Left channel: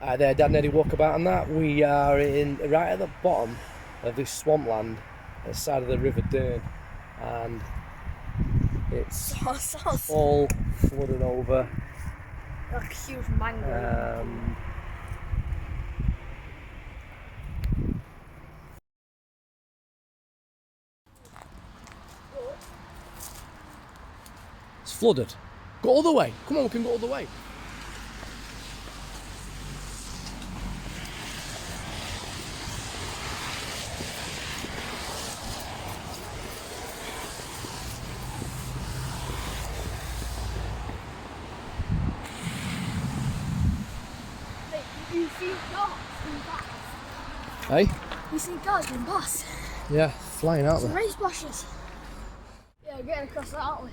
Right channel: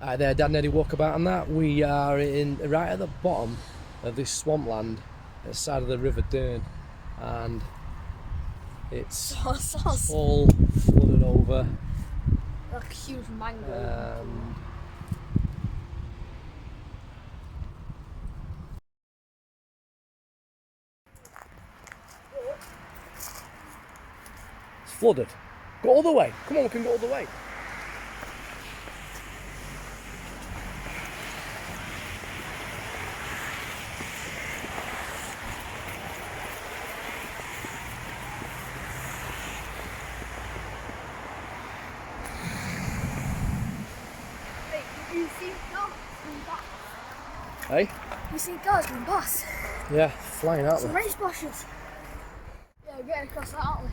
There, Denaby walkabout and that. We are right at the bottom of this swampland at the side of the River Dearn, and it's all flooded over. Like a huge mangrove. It's flooded. Go all the way. Come on, we can go all the way. You see cars going past? Hey? You see cars going past? Yeah, flying out Some there. race splashes. Yeah, we're getting across that, aren't we?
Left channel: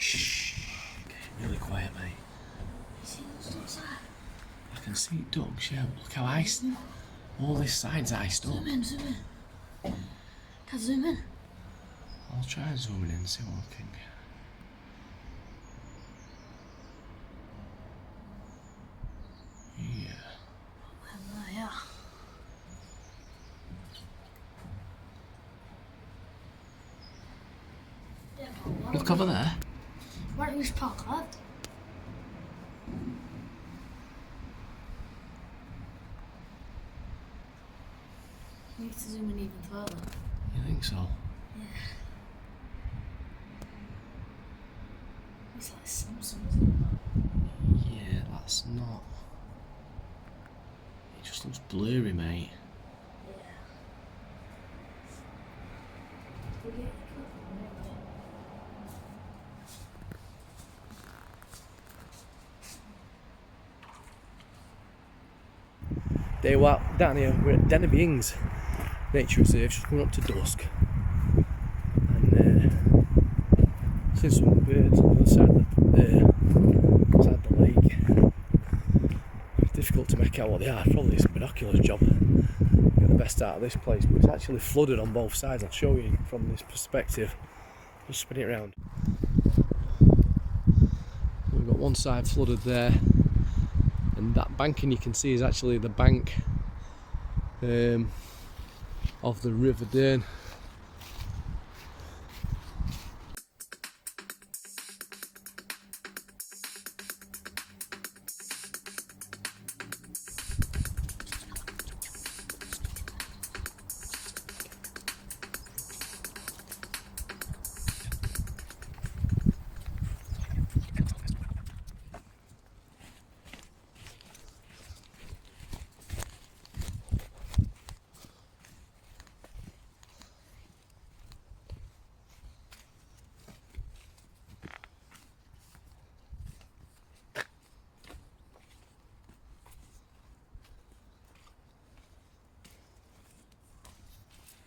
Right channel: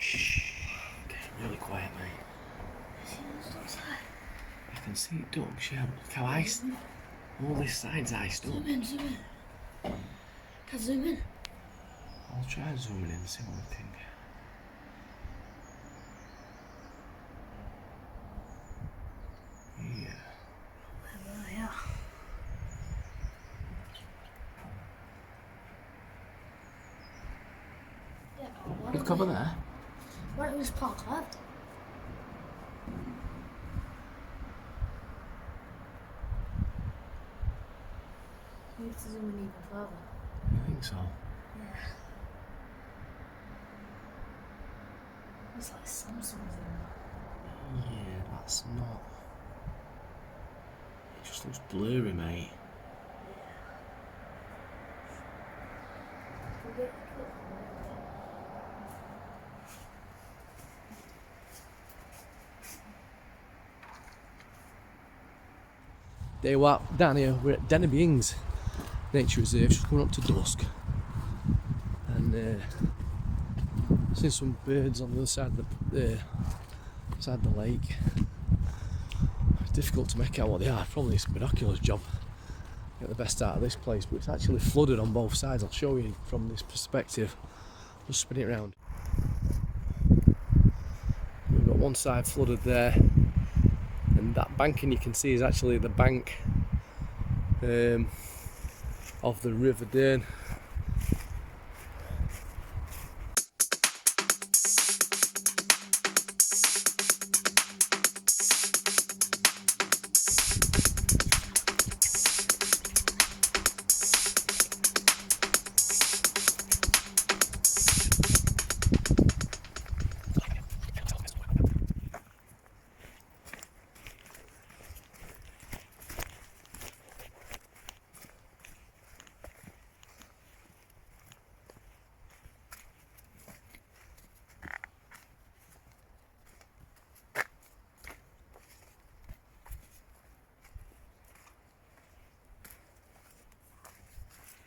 Shh. Okay, really quiet, mate. See those dogs there? I can see ducks, yeah, but look how iced. All this side's iced up. Zoom in, zoom in. Can I zoom in? I'll try and zoom in and see what we can get. Yeah. Oh, yeah. Yeah, but why Look don't over there. Why don't we just park left? We need to zoom in even further. You think so? Yeah. It's like Samsung. Yeah, that's not. It just looks blurry, mate. Day what down here, we're at Denaby Nature Reserve, just coming up to dusk, and seen some birds on the other side of the lake. It's difficult to make out what they are. Probably it's a binoculars job. Get the best out of this place, but it's actually flooded on both sides. I'll show you from this perspective. We'll spin it around. We've got one side flooded there, and that banking you can see is actually the bank of the River Dearn.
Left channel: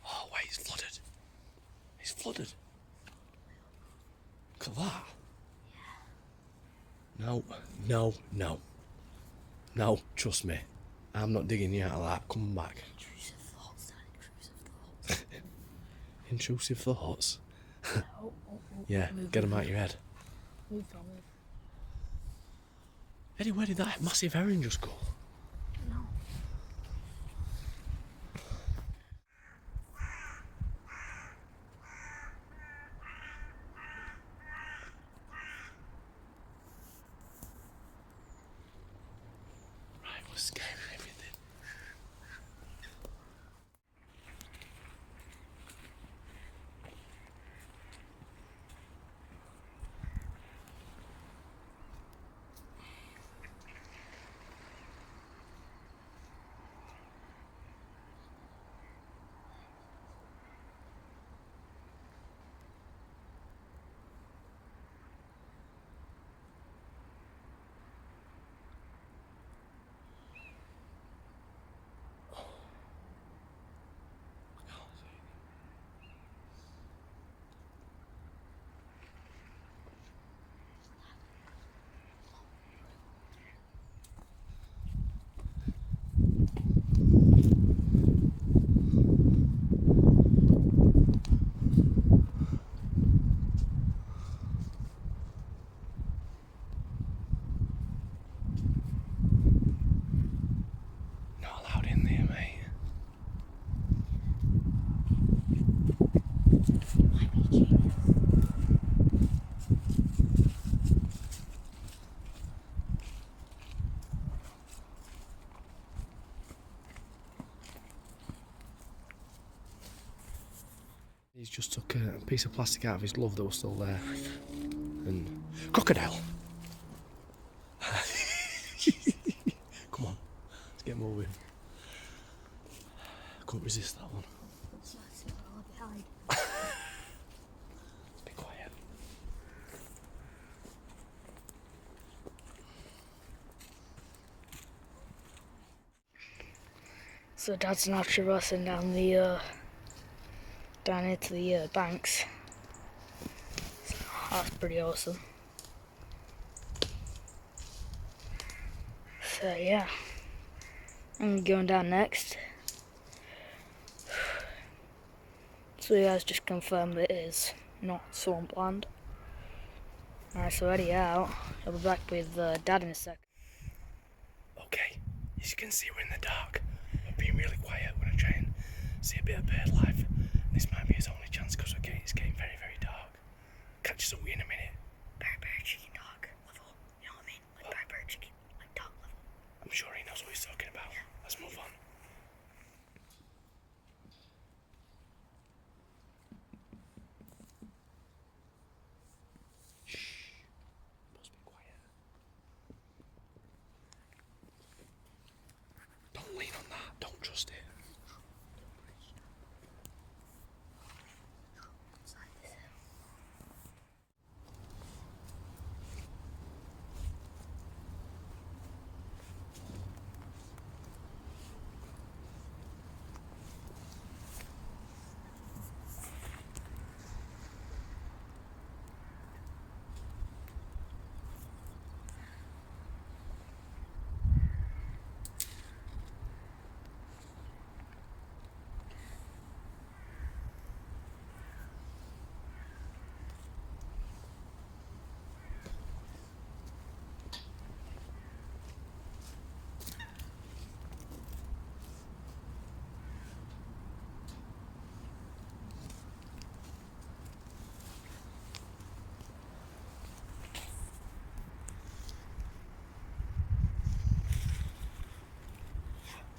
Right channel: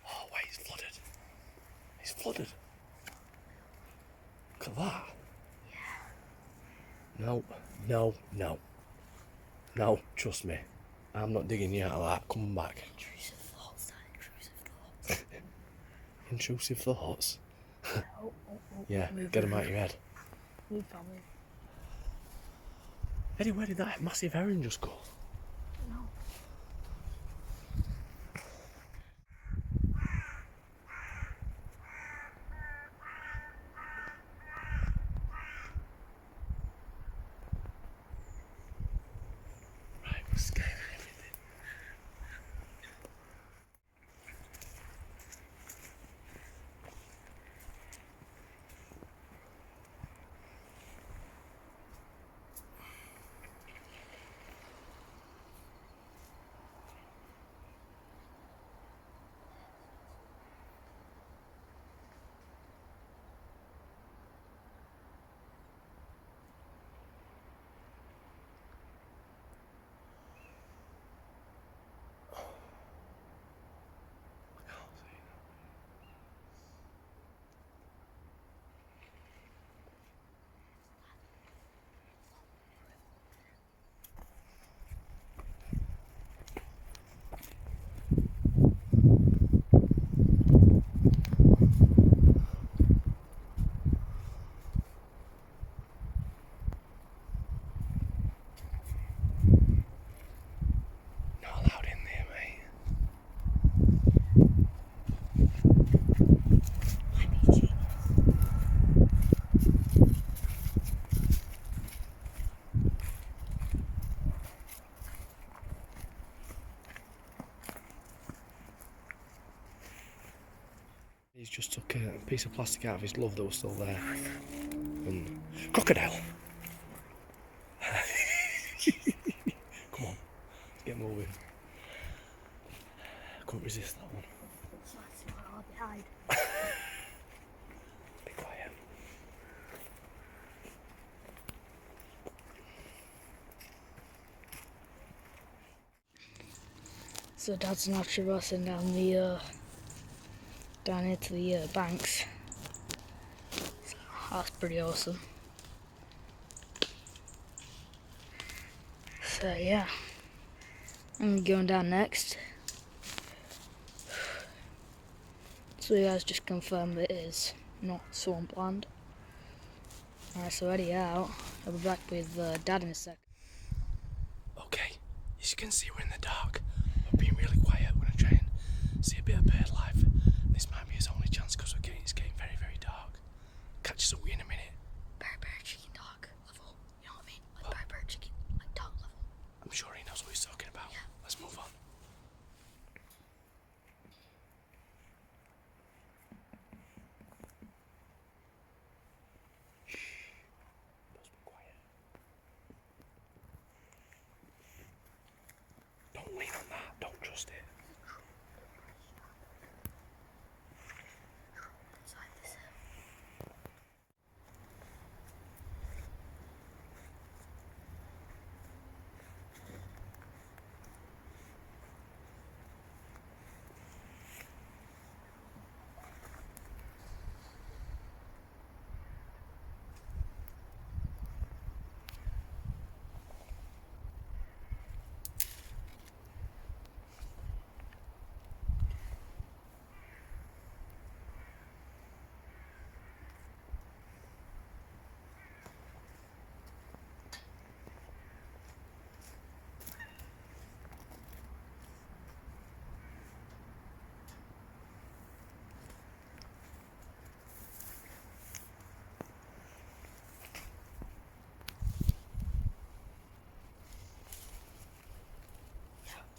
Oh wait, it's flooded. It's flooded. Look at that. No, no, no. No, trust me. I'm not digging you out of that. Come back. Intrusive thoughts, Dad, intrusive thoughts. Intrusive thoughts. Oh. Yeah, get them out your head. Move, family. Eddie, where did that massive herring just go? No. Right, we're scared. just took a piece of plastic out of his glove that was still there. And crocodile. Come on, let's get moving. I couldn't resist that one. So that's not hard to hide. Be quiet. So Dad's now traversing down down into the banks. So that's pretty awesome. So yeah, I'm going down next. So you guys just confirmed that it is not swampland. Alright, so ready out. I'll be back with Dad in a sec. Okay, as you can see, we're in the dark. We're being really quiet. We're going to try and see a bit of bird life. This might be his only chance because it's getting very, very dark. Catch us up in a minute. Bear chicken dog level. You know what I mean? Like bear chicken, like dog level. I'm sure he knows what he's talking about. Yeah. Let's move on. Must be quiet. Don't lean on that. Don't trust it.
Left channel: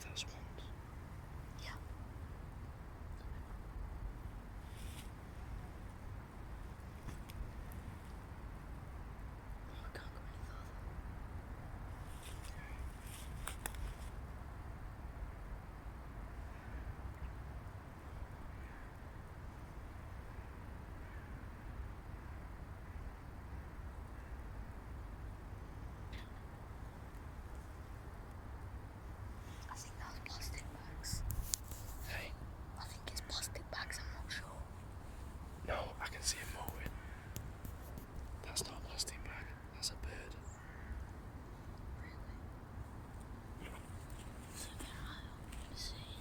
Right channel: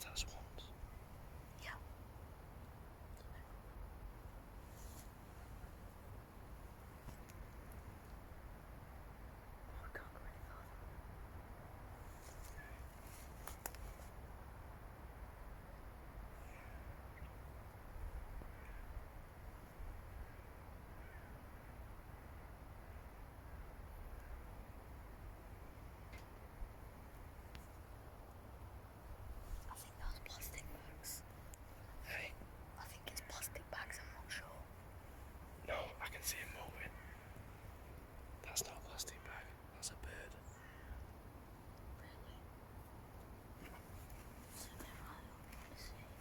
That's once. Yeah. I think that's plastic bags. Hey, I think it's plastic bags, I'm not sure. no, I can see it moving. That's not a plastic bag. That's a bird. Really? So can I see?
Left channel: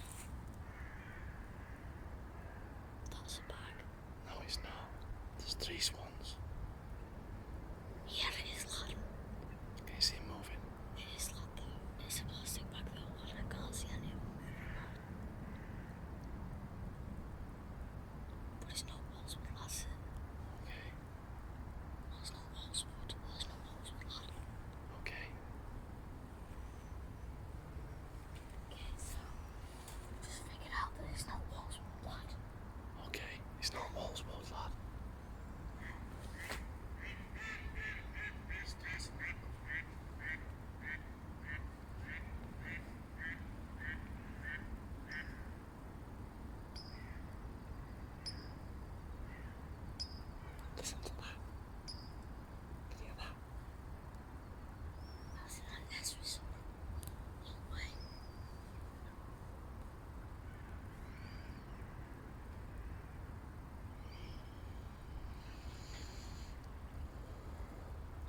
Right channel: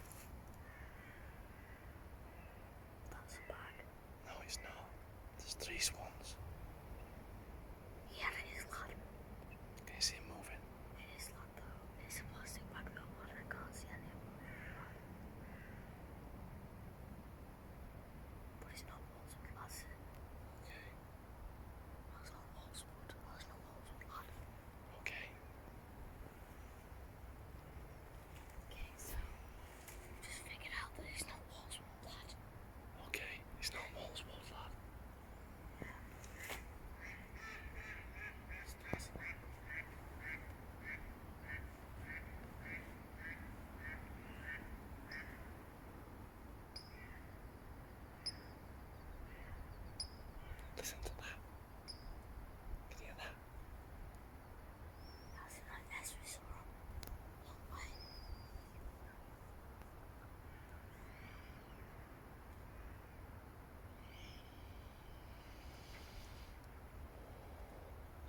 That's a bag. No, it's not. There's 3 swans. Yeah, it is, lad. Can you see it moving? It is, lad, though. It's a plastic bag, though, lad. I can't see any of them moving, lad. But it's not Walswood, lad. Okay. That's not Walswood. That's not Walswood, lad. Okay. Okay, so just figured out that it's not Walswood, lad. Okay. It's not Walswood, lad. Listen to that. Can you hear that? That's like this, we saw a long way.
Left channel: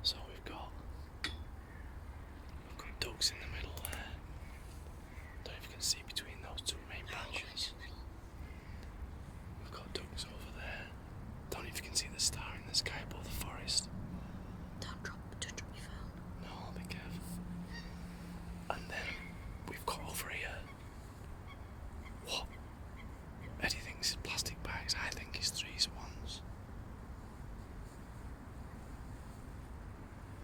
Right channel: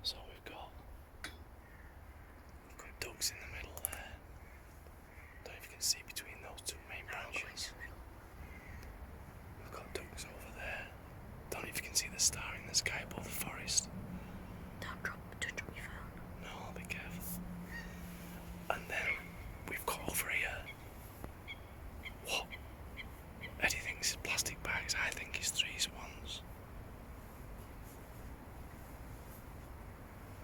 So we've got ducks in the middle there. Don't know if you can see between those 2 main branches. We've got ducks over there. Don't know if you can see the star in the sky above the forest. Don't drop your phone. No, I'll be careful. And then we've got over here. What? Eddie thinks it's plastic bags. I think it's 3 swans.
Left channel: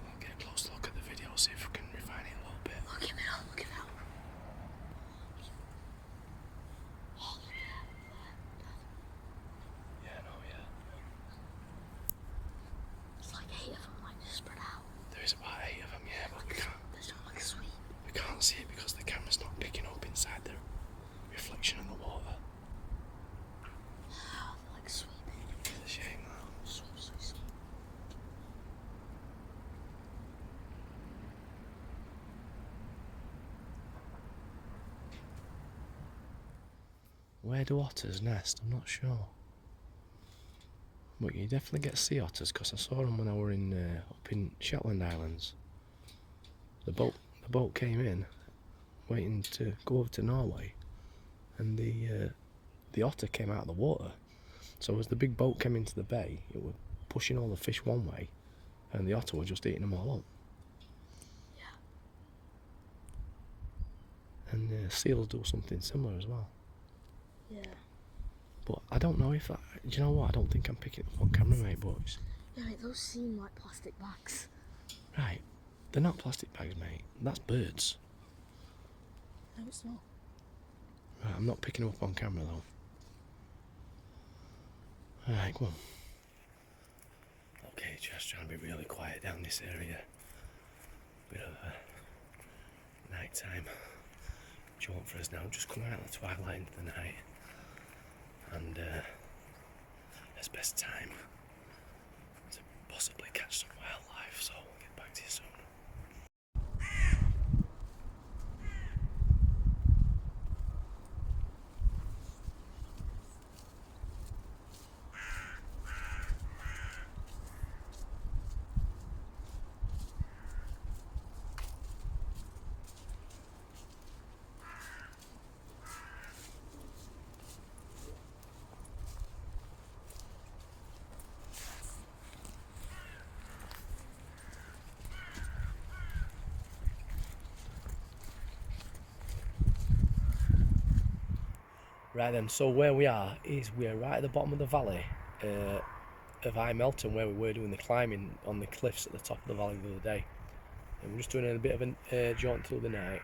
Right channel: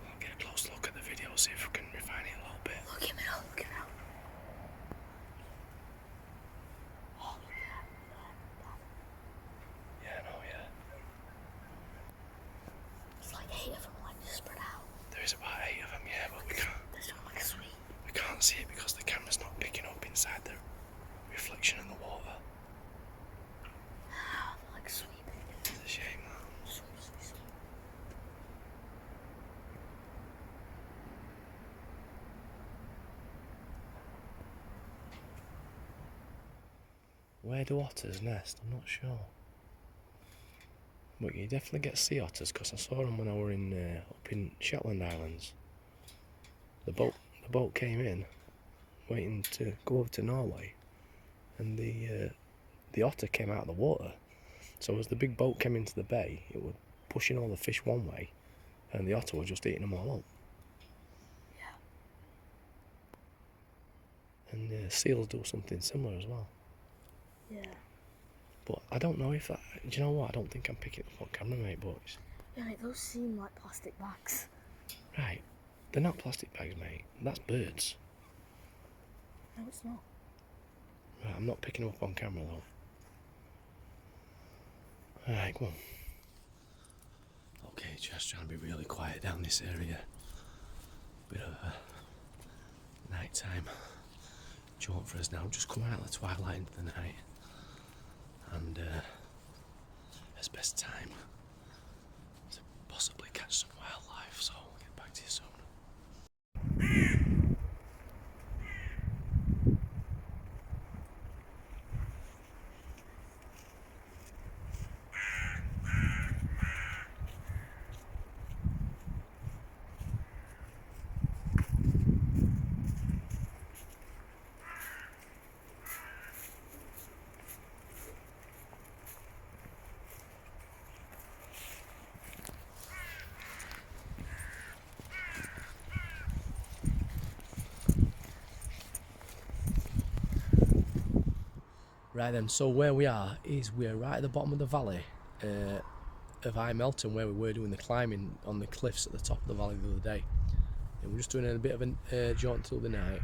We'll get a close look at the video, see if we can refine it a little bit. Look at me now, look at me now. Oh, look at that, lad. Yeah. outside the reflection of the water. Like sweeping. It's a shame, that. Sweep, sweep, sweep. Where do otters nest? I'm not sure. But you definitely get sea otters because I saw them when I were up in Shetland Islands. The boat came in, waiting to go over to Norway, and the otter came out of the water. So as the big boat came into the bay, it was pushing all the fish one way, and the otter was just eating them all up. Yeah. And seals do something similar as well. Yeah. But I don't know if that. Do you know what? I don't think I'm picking it up on camera, mate. But Yeah, mate, those seem like plastic bags. right, they're not plastic bags, mate. That's birds. No, it's not. Right, I'm not picking them up on camera though. Alright, come on. Okay, just trying to be really quiet down this area. Bit of a nighttime jaunt for us now. Just coming out of the twilight into the night. And it's best time to possibly catch some wildlife, so we'll get back to you soon. Right then, so where we are is we're right at the bottom of the valley of High Melton, where we were doing the climbing on the cliffs at the top of the valley the other day. And we're just doing a bit of a jaunt through the night.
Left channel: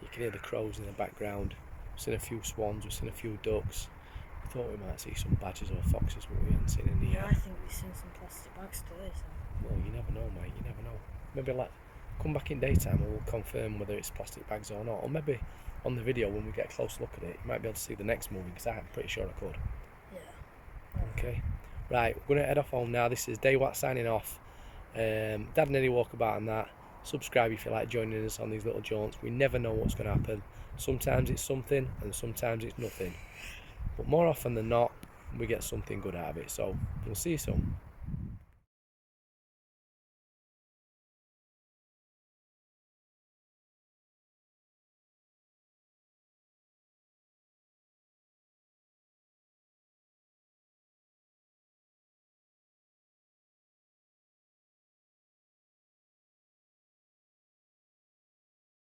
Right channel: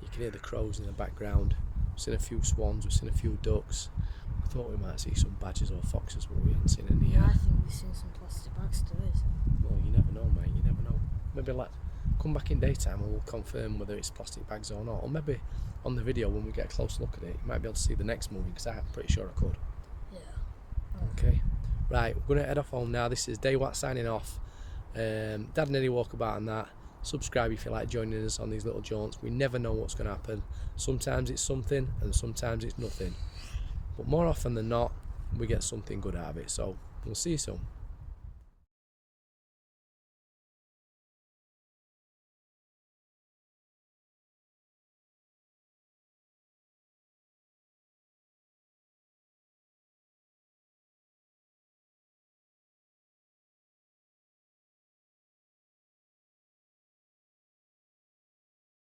You can hear the crows in the background. We've seen a few swans, we've seen a few ducks. We thought we might see some badgers or foxes, but we haven't seen any yet. I think we've seen some plastic bags today, so. Well, you never know, mate, you never know. Maybe come back in daytime and we'll confirm whether it's plastic bags or not. Or maybe on the video when we get a close look at it, you might be able to see the next moving, because I'm pretty sure I could. Yeah. Okay. Right, we're going to head off home now. This is Daywat signing off. Dad and Eddie walkabout and that. Subscribe if you like joining us on these little jaunts. We never know what's going to happen. Sometimes it's something and sometimes it's nothing. But more often than not, we get something good out of it. So we'll see you soon.